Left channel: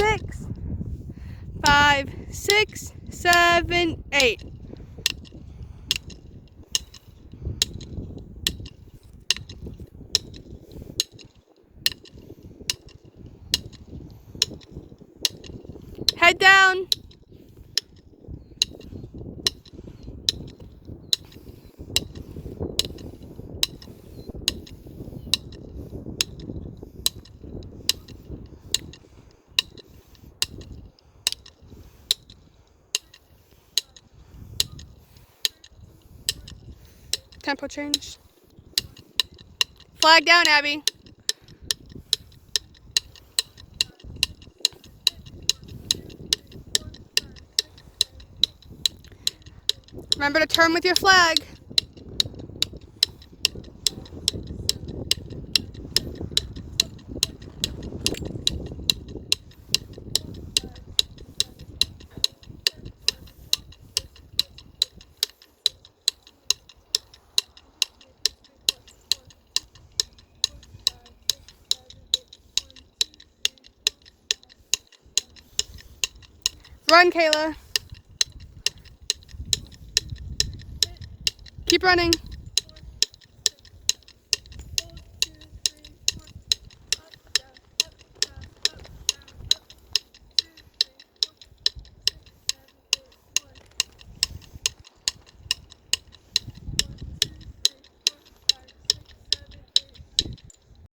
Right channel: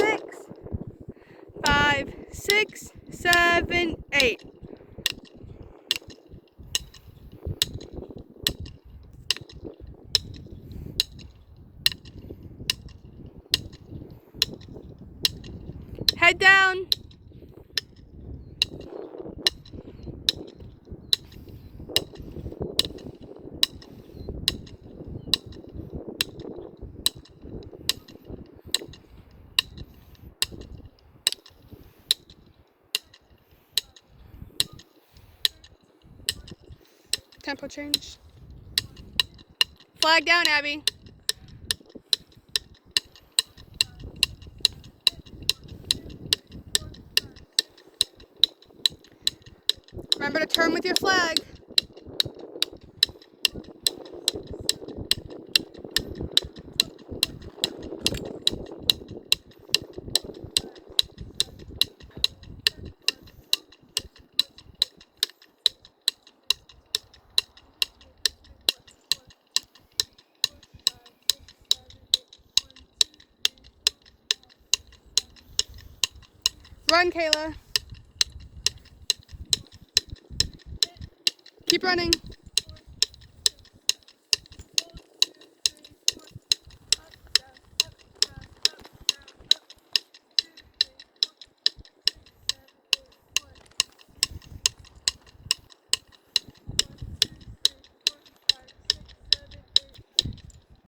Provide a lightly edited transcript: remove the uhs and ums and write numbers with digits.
6, 5, 6, 7, 8. Head down. Tempo change. Flag down, Abby. Remember to turn with your flag. Run, Kayla. Keep running.